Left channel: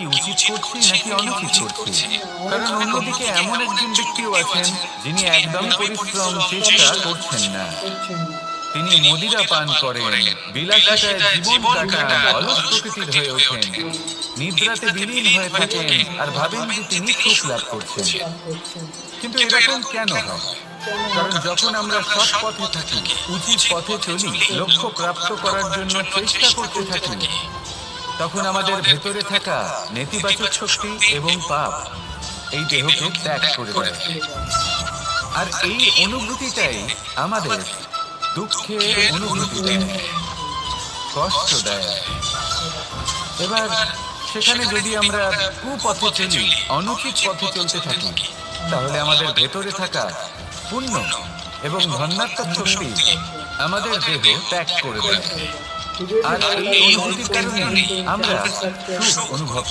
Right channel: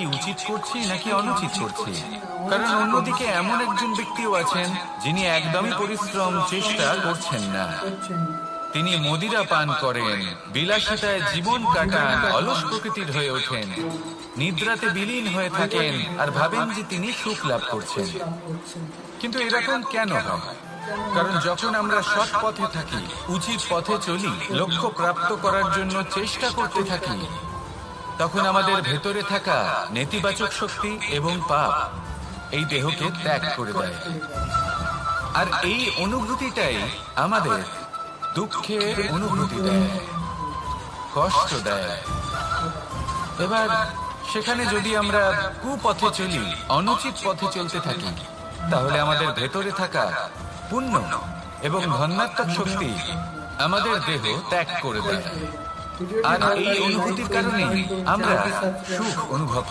কি উচিত করছি নাকি অনুচিত করছি। কারণ অন্যদিকে এমন একজন ব্যক্তিও আছেন যিনি একদমই পরিশ্রম চেষ্টা করছেন না। তিনি মদিরা পান করেন, বিলাসিতায় জীবন কাটান, অলস প্রকৃতির হয়ে ওঠেন, নিদ্রাতে বিলীন হয়ে থাকেন আর ভাবেন যে তিনি সুখ লাভ করছেন। কিন্তু এরকম কেন হয়? কারণ যখন আমরা সৎ পথে থাকি, উচিত পথে চলি, লক্ষ্য প্রাপ্ত করার জন্য চেষ্টা করতে থাকি, তখন আমাদের ভেতরে থাকা নেতিবাচক শক্তি এবং পাপ এই দেহকে ত্যাগ করে দেয়। আর এই অনুভূতিটাই আমাদের দুঃখের অনুভূতি দেয়, কষ্ট দেয়। এবার সেখানে যদি আমরা কুপথে চলি, অনুচিত পথে চলতে থাকি, তাহলে আমাদের ভেতরে থাকা পুণ্য এবং ধনাত্মক শক্তি আমাদের দেহ ত্যাগ করে দেয়। আর এই অনুভূতির কারণে আমরা সুখ অনুভব করি।